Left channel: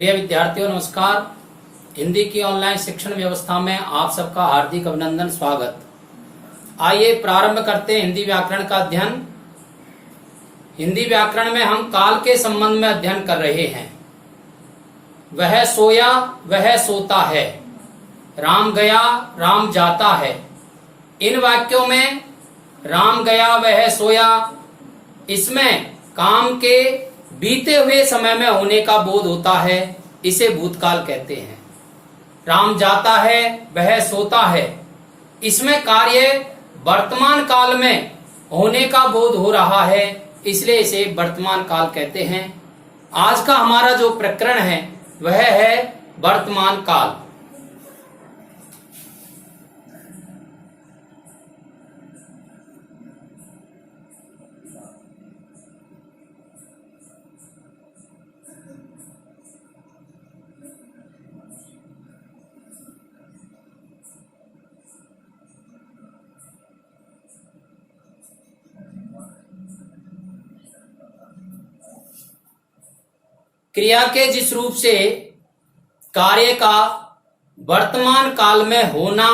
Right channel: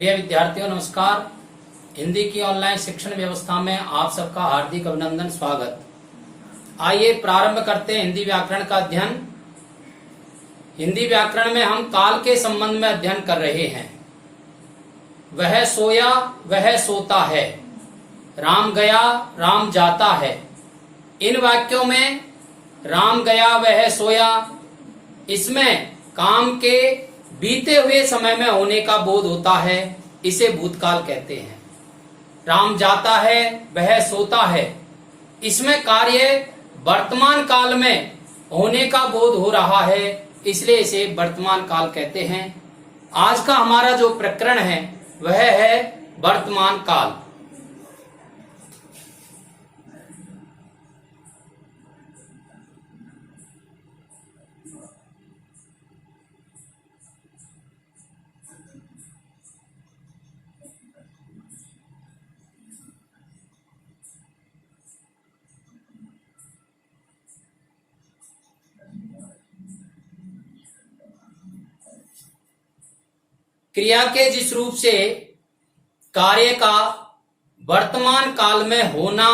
प्रिय विद्यार्थियों नमस्कार। हिंदी की ऑनलाइन शिक्षण व्यवस्था में आप सबका हार्दिक अभिनंदन, स्वागत। आइए प्रारंभ करते हैं हिंदी व्याकरण का अध्ययन। हिंदी व्याकरण में हम काल के संबंध में अध्ययन कर रहे हैं। वह सोया वह सोता है, राम गया राम जाता है। इन वाक्यों में राम गया वह सोया, इसमें काम के बीते हुए समय में होने का बोध होता है, इसे भूतकाल कहते हैं। राम जाता है वह सोता है, इसमें कार्य वर्तमान काल में होने का बोध हो रहा है, इसलिए इसे वर्तमान काल कहते हैं। आज का हमारा जो प्रकरण है वह है वर्तमान काल। क्रिया के जिस रूप से कार्य का वर्तमान काल में होना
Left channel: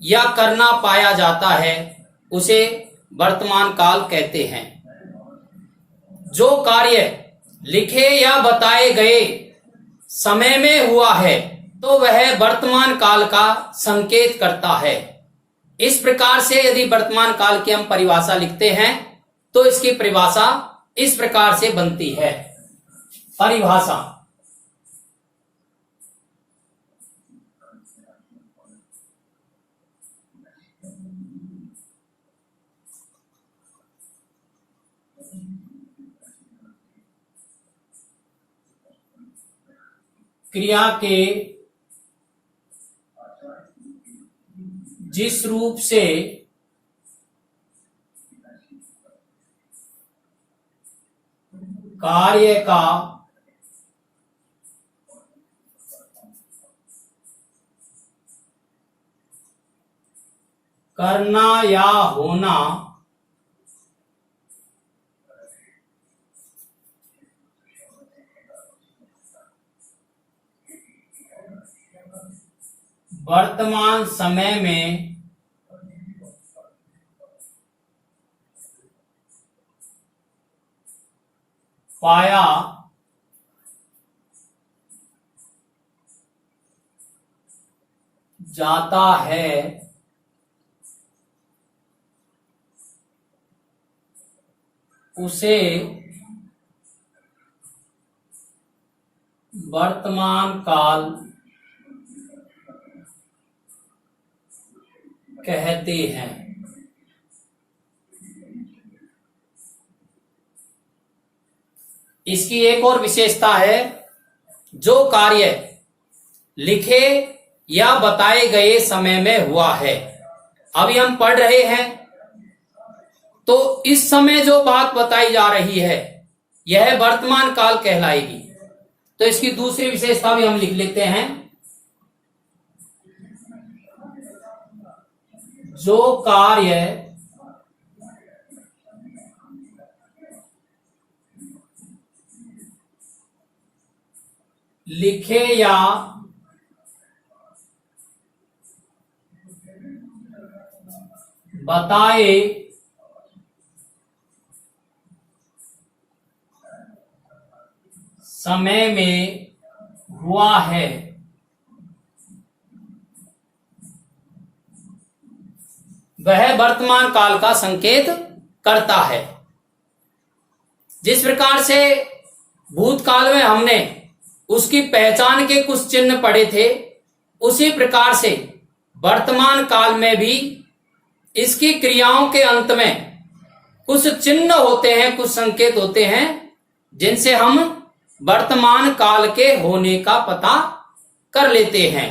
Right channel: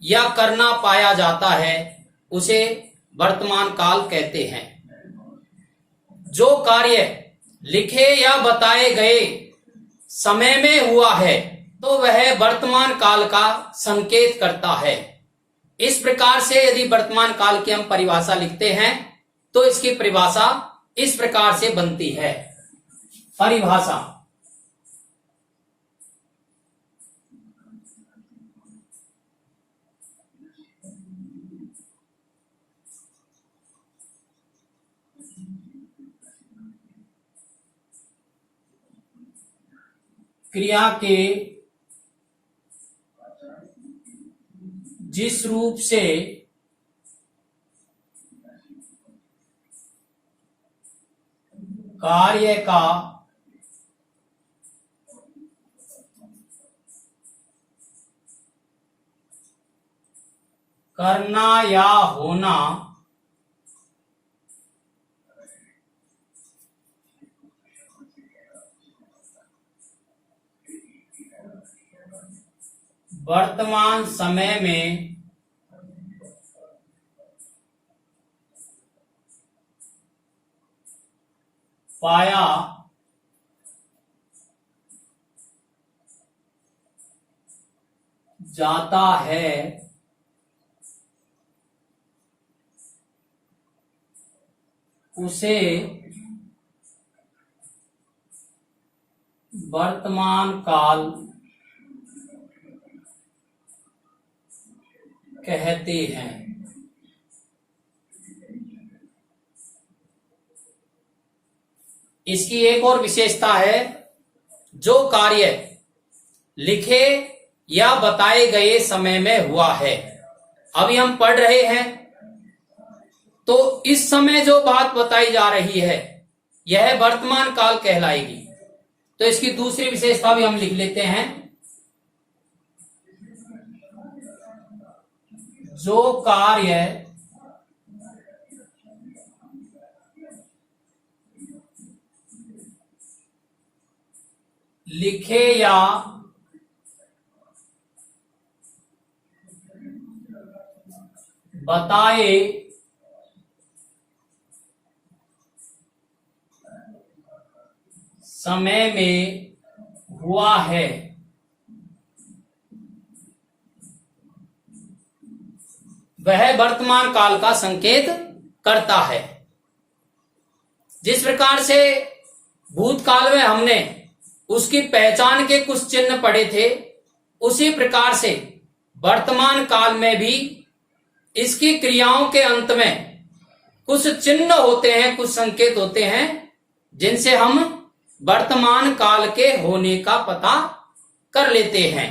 या करना पाया जाता है उसे वर्तमान काल कहते हैं। जो कार्य लिखे या बताए गए समय में हुआ है तो वह वर्तमान काल का संकेत करता है। इस प्रकार से यदि वर्तमान काल की हम परिभाषा लिखते हैं तो इसकी परिभाषा इस प्रकार से बनती है। परिभाषा: क्रिया के जिस रूप से कार्य का करना या होना वर्तमान समय में पाया जाता है, उसे वर्तमान काल कहते हैं। इसकी एक और विशेषता है, जो कार्य लिखे या बताए गए समय में हुआ है। अभी हम पढ़ रहे हैं तो इस समय जो बात बताई जा रही है यह वर्तमान काल कहलाएगी। तो इसकी दूसरी विशेषता भी हम लिख लेते हैं। जो कार्य लिखे या बताए समय में हुआ है, वह वर्तमान काल का संकेत करता है। जिस प्रकार से भूतकाल में हमने उसकी पहचान के कुछ चिन्ह पढ़े थे, उसी प्रकार से वर्तमान काल में भी इसकी क्रियाओं के अंत में कुछ चिन्ह होते हैं, कुछ संकेत होते हैं, जिनसे हम वर्तमान काल के होने का पता कर लेते हैं।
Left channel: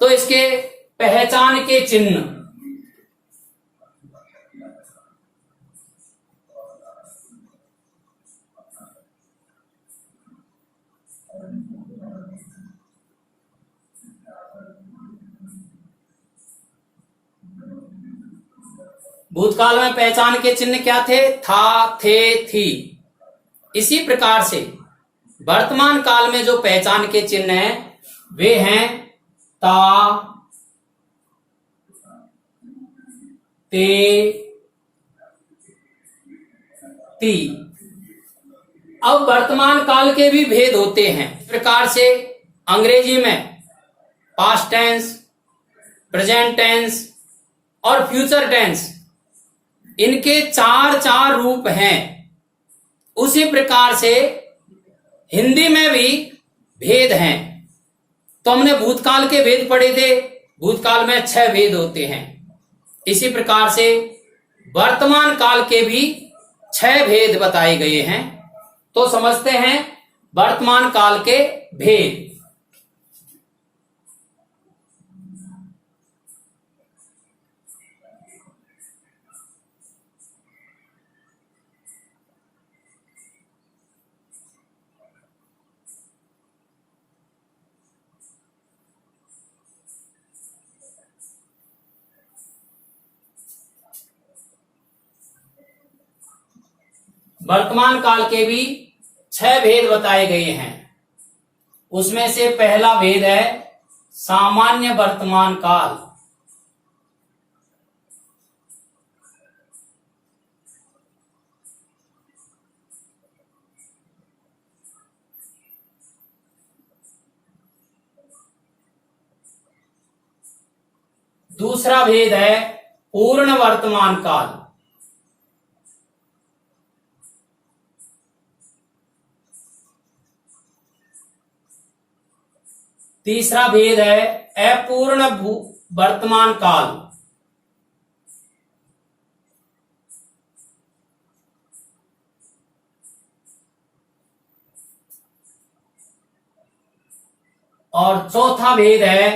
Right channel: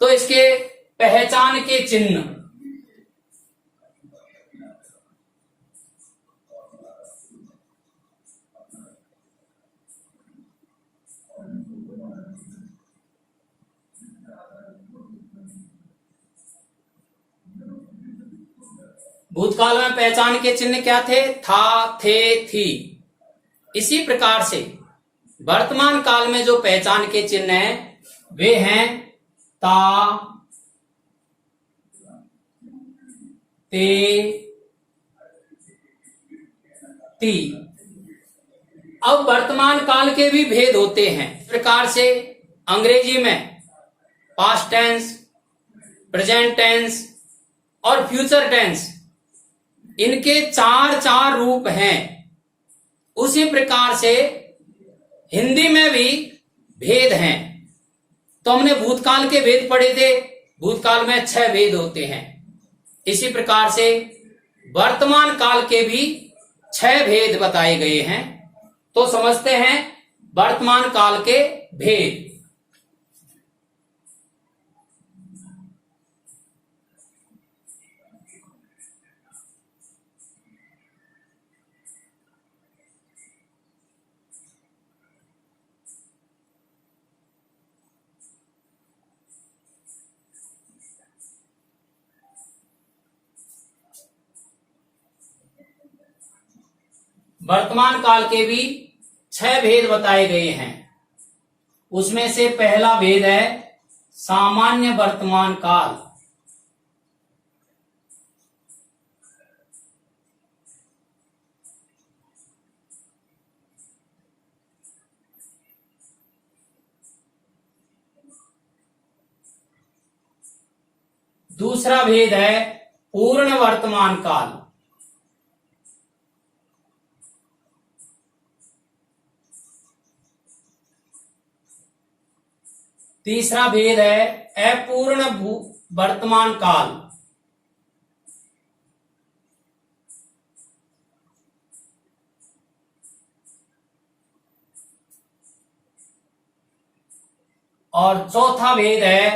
तो इसके पहचान के चिन्ह: भूतकाल में पहचान के चिन्ह क्या थे? था, थे, थी। इसी प्रकार से वर्तमान काल में जो पहचान के चिन्ह हैं वे हैं ता, ते, ती। अब वर्तमान काल के भी भेद होते हैं। इस प्रकार से अंग्रेजी में पास्ट टेंस, प्रेजेंट टेंस और फ्यूचर टेंस, इनके चार चार रूप हैं। उसी प्रकार से हिंदी में भी भेद हैं। तो हमने भूतकाल के भेद पढ़े थे। भूतकाल में 6 भेद होते हैं। इसी प्रकार से वर्तमान काल के भी 6 भेद बताए गए हैं। तो समझते हैं वर्तमान काल के भेद। वर्तमान काल के भी 6 भेद बताए गए हैं। उसमें से पहला भेद है सामान्य वर्तमान काल। दूसरा भेद है पूर्ण वर्तमान काल। तीसरा भेद है अपूर्ण वर्तमान काल। और चौथा भेद है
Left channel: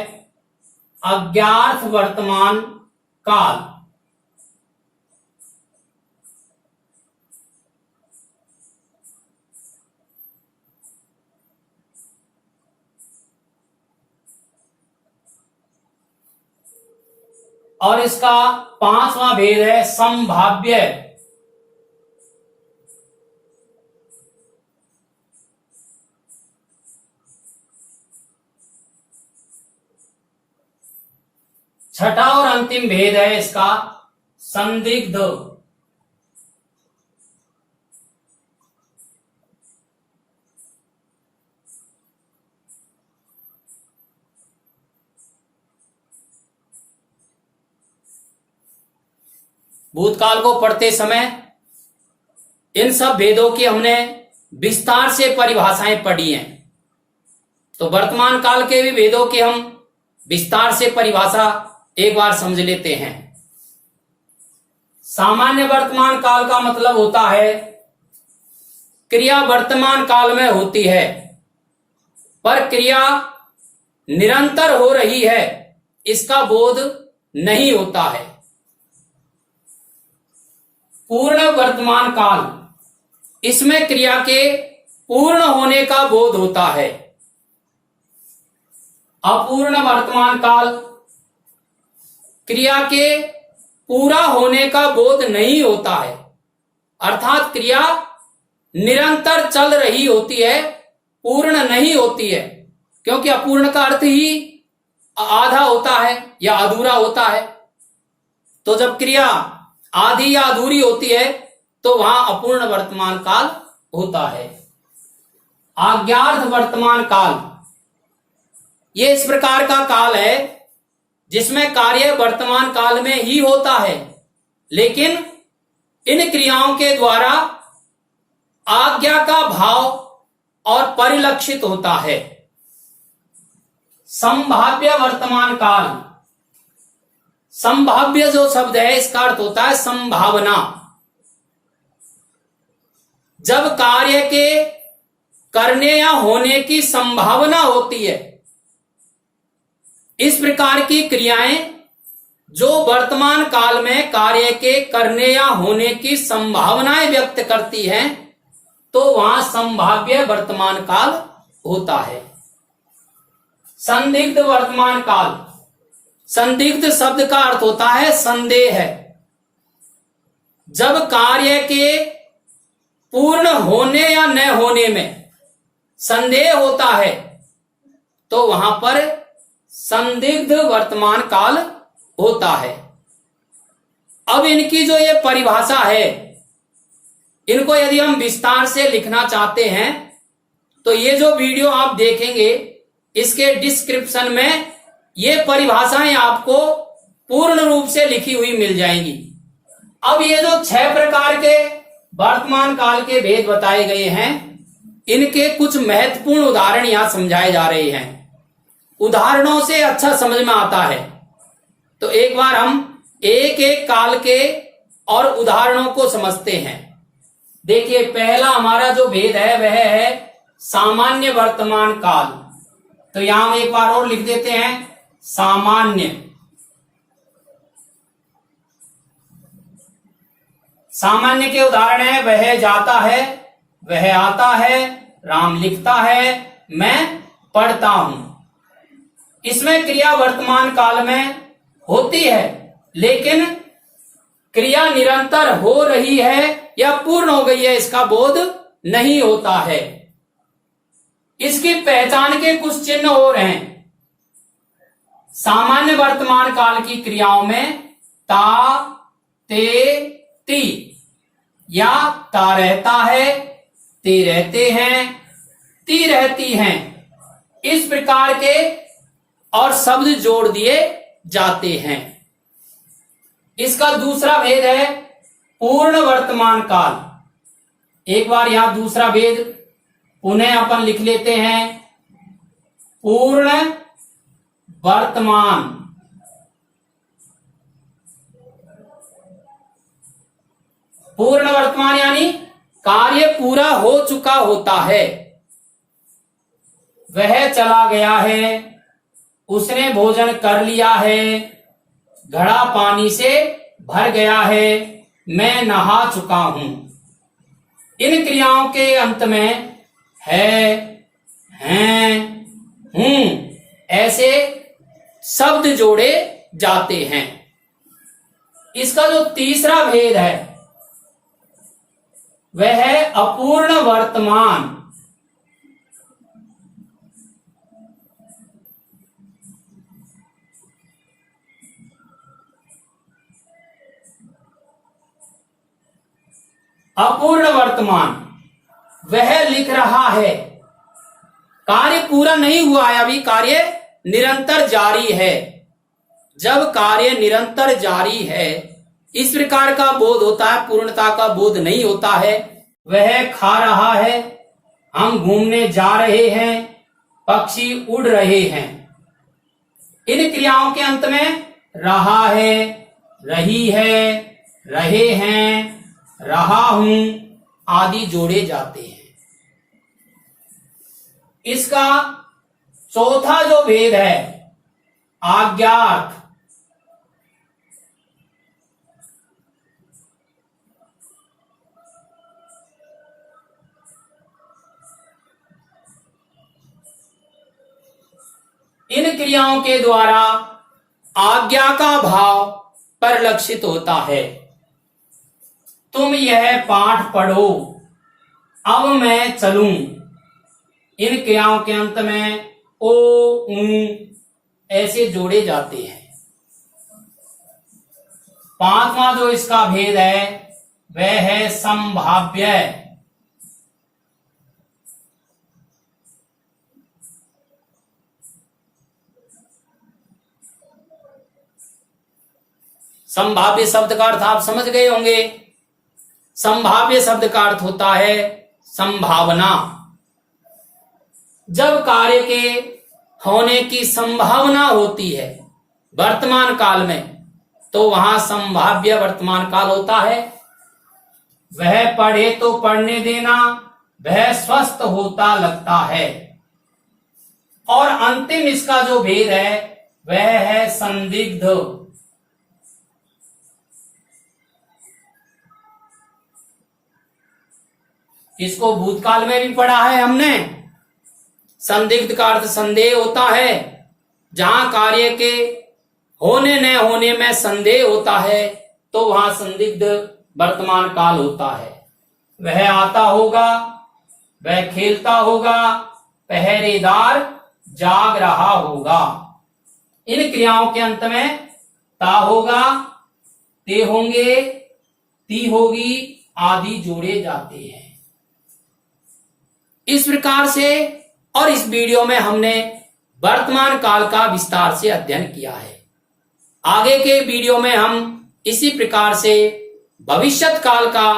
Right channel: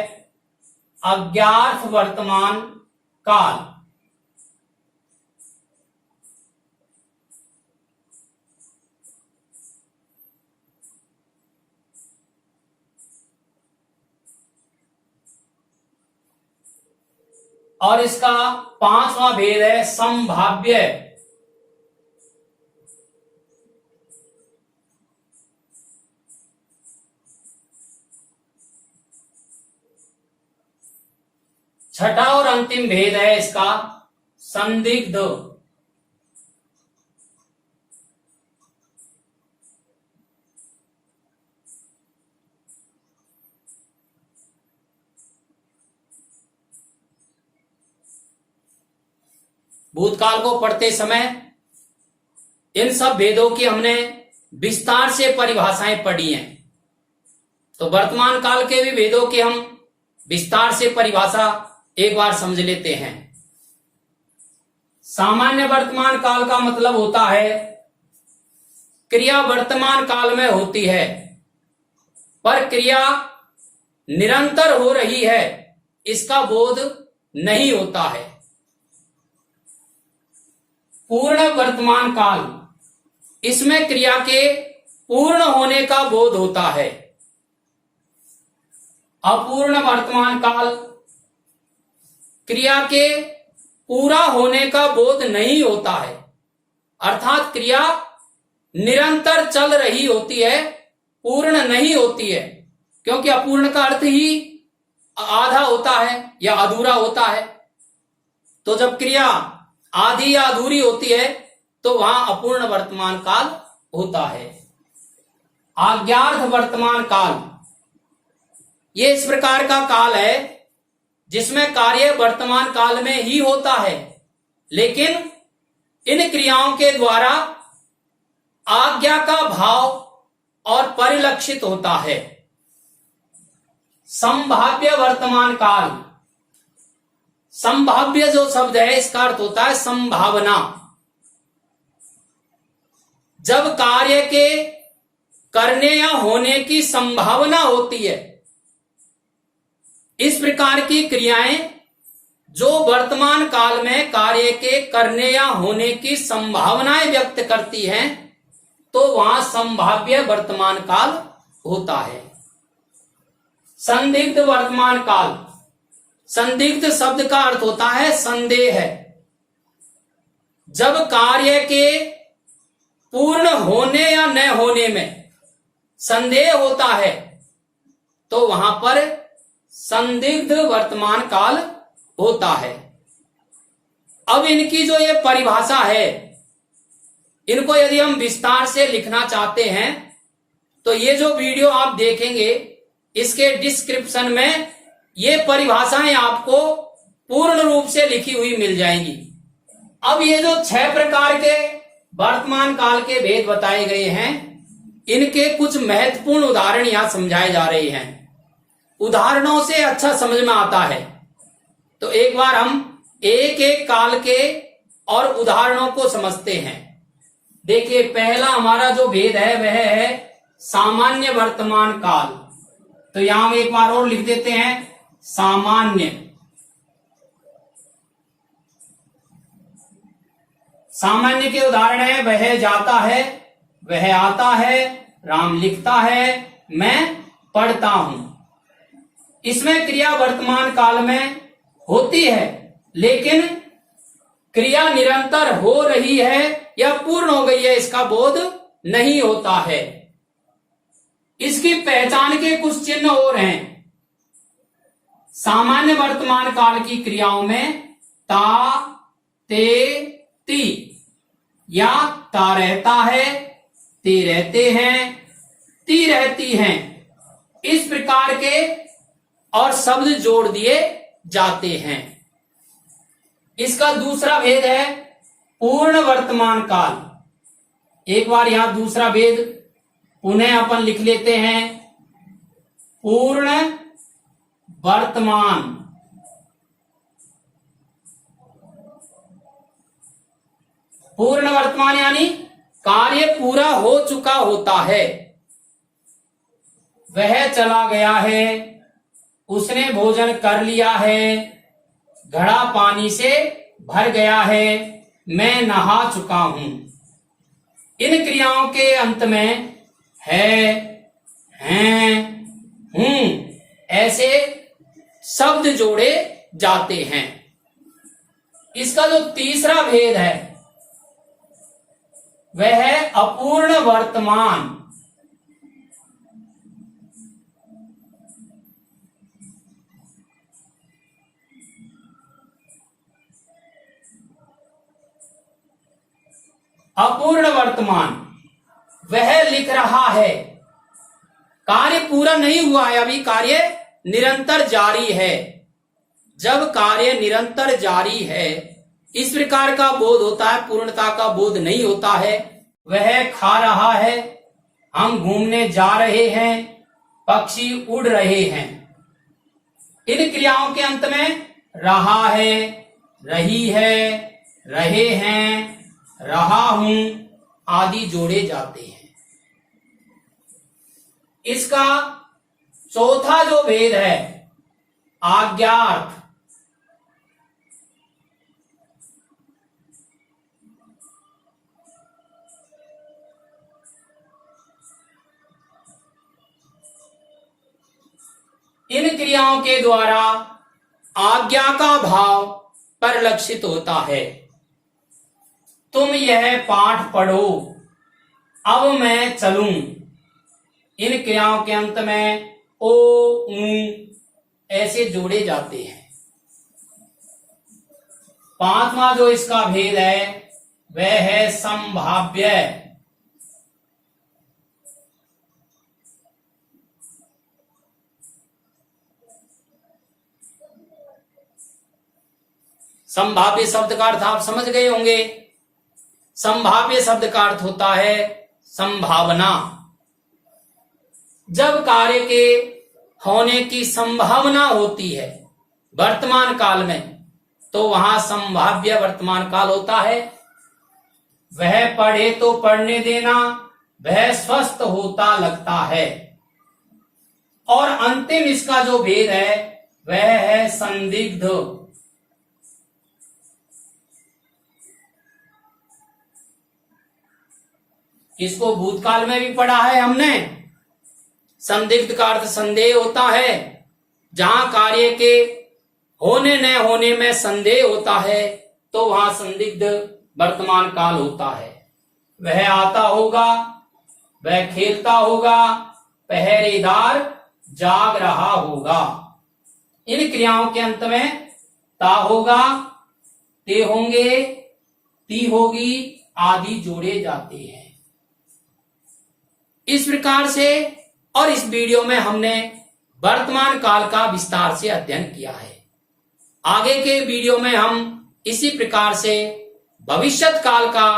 अज्ञात वर्तमान काल। और इसका 5वां भेद है संभाव्य। छठा और अंतिम भेद है इसका संदिग्ध। भूतकाल को पढ़ते समय इन सब भेदों की हमने विस्तार से परिभाषाएं पढ़ी हैं। तो वर्तमान काल के भी भेदों की हम विस्तार से परिभाषा एक बार समझ लेते हैं। सामान्य वर्तमान काल का मतलब होता है क्रिया वर्तमान काल में होती है पर क्रिया निरंतर हो रही है, इसका बोध नहीं होता है। पूर्ण वर्तमान काल, इसमें क्रिया के पूर्ण होने का बोध होता है। अपूर्ण वर्तमान काल, क्रिया के पूरा होने का बोध नहीं होता है, अर्थात क्रिया निरंतर चल रही होती है, पूर्ण नहीं होती है। क्योंकि अपूर्ण का अर्थ ही आधा होता है या अधूरा होता है। तो जब क्रिया आधी या अधूरी होती है तो वहां अपूर्ण वर्तमान काल होता है। अज्ञात वर्तमान काल, ये इस प्रकार का काल है जिसमें कार्य वर्तमान काल में ही होता है, लेकिन इन क्रियाओं के द्वारा आज्ञा का भाव और परिलक्षित होता है। संभाव्य वर्तमान काल, संभाव्य जो शब्द है इसका अर्थ होता है संभावना। जब कार्य के करने या होने की संभावना होती है, इस प्रकार की क्रियाएं जो वर्तमान काल में कार्य के करने या होने की संभावनाएं व्यक्त करती हैं, तो वहां संभाव्य वर्तमान काल होता है। संदिग्ध वर्तमान काल, संदिग्ध शब्द का अर्थ होता है संदेह। जब कार्य के पूर्ण होने या न होने में संदेह होता है तो वहां पर संदिग्ध वर्तमान काल होता है। अब इनकी जो ये परिभाषा है, इनको यदि हम विस्तार से लिखना चाहते हैं तो ये जो वीडियो आप देखेंगे इसके डिस्क्रिप्शन में ये परिभाषाएं आपको पूर्ण रूप से लिखी हुई मिल जाएंगी। अब ये जो 6 प्रकार के वर्तमान काल के भेद बताए गए हैं, इनके कुछ महत्वपूर्ण उदाहरण यहां समझाए जा रहे हैं। उदाहरणों से अच्छा समझ में आता है, तो एक बार हम एक एक काल के और उदाहरणों को समझते हैं। देखिए, पहला हमारा जो भेद है वह है सामान्य वर्तमान काल। तो यहां हम एक बार और लिख देते हैं सामान्य। सामान्य के उदाहरण है वह जाता है, वह आता है, राम लिखता है, मैं पढ़ता हूं। इसमें क्रिया वर्तमान काल में होती है, लेकिन क्रिया निरंतर हो रही है या पूर्ण हो गई है इसका बोध नहीं होता है। इसकी पहचान के कुछ चिन्ह और हैं। सामान्य वर्तमान काल की क्रियाओं में ता, ते, ती या ता रहता है, ते रहते हैं, ती रहती हैं, इस प्रकार के और शब्द जोड़ दिए जाते हैं। इसका दूसरा भेद है पूर्ण वर्तमान काल। एक बार यहां दूसरा भेद पुनः अपन लिख लेते हैं। पूर्ण वर्तमान, पूर्ण वर्तमान यानी कार्य पूरा हो चुका होता है। वह चला गया है, उसने भोजन कर लिया है, घड़ा पानी से भर गया है, मैं नहा चुका हूं। इन क्रियाओं के अंत में है, हैं, हूं ऐसे शब्द जोड़े जाते हैं। इसका जो तीसरा भेद है वह है अपूर्ण वर्तमान। अपूर्ण वर्तमान, वह लिख रहा है, कार्य पूरा नहीं हुआ है, अभी कार्य निरंतर जारी है। जब कार्य निरंतर जारी है इस प्रकार का बोध होता है, पूर्णता का बोध नहीं होता है। वह खा रहा है, हम घूमने जा रहे हैं, पक्षी उड़ रहे हैं। इन क्रियाओं के अंत में रहा है, रही है, रहे हैं, रहा हूं आदि जोड़े जाते हैं। इसका चौथा जो भेद है आज्ञार्थ। इन क्रियाओं के द्वारा आज्ञा का भाव परिलक्षित होता है। तुम यह पाठ पढ़ो, अब मैं चलूं। इन क्रियाओं के अंत में ओ, ऊ ऐसे जोड़े जाते हैं। पांचवा जो इसका भेद है वह है संभाव्य। संभाव्य शब्द का अर्थ आप समझ गए होंगे। संभाव्य शब्द का अर्थ होता है संभावना। जब कार्य के होने की संभावना होती है वर्तमान काल में, तो वहां संभाव्य वर्तमान काल होता है। वह पढ़े तो पढ़ने देना, वह स्वस्थ होता लगता है। और अंतिम इसका जो भेद है वह है संदिग्ध। इसको भूतकाल में भी पढ़ा है हमने। संदिग्ध का अर्थ संदेह होता है। जहां कार्य के होने न होने में संदेह होता है तो वहां संदिग्ध वर्तमान काल होता है। वह आता होगा, वह खेलता होगा, पहरेदार जाग रहा होगा। इन क्रियाओं के अंत में ता होगा, ते होंगे, ती होगी आदि जोड़े जाते हैं। इस प्रकार से और इस वीडियो में हमने वर्तमान काल का विस्तार से अध्ययन किया है। आगे के वीडियो में हम इसी प्रकार से भविष्यत काल का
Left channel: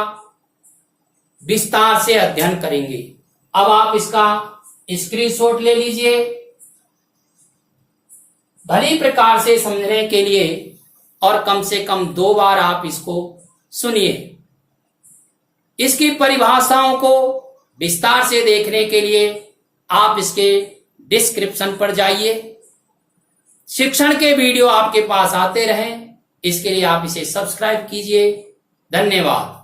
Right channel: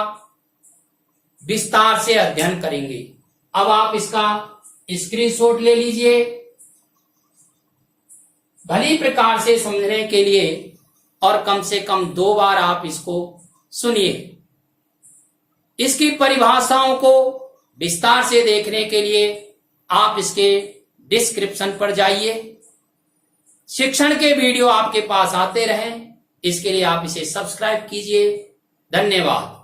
विस्तार से अध्ययन करेंगे। अब आप इसका स्क्रीनशॉट ले लीजिए। भली प्रकार से समझने के लिए और कम से कम 2 बार आप इसको सुनिए। इसकी परिभाषाओं को विस्तार से देखने के लिए आप इसके डिस्क्रिप्शन पर जाइए। शिक्षण के वीडियो आपके पास आते रहें, इसके लिए आप इसे सब्सक्राइब कीजिए। धन्यवाद।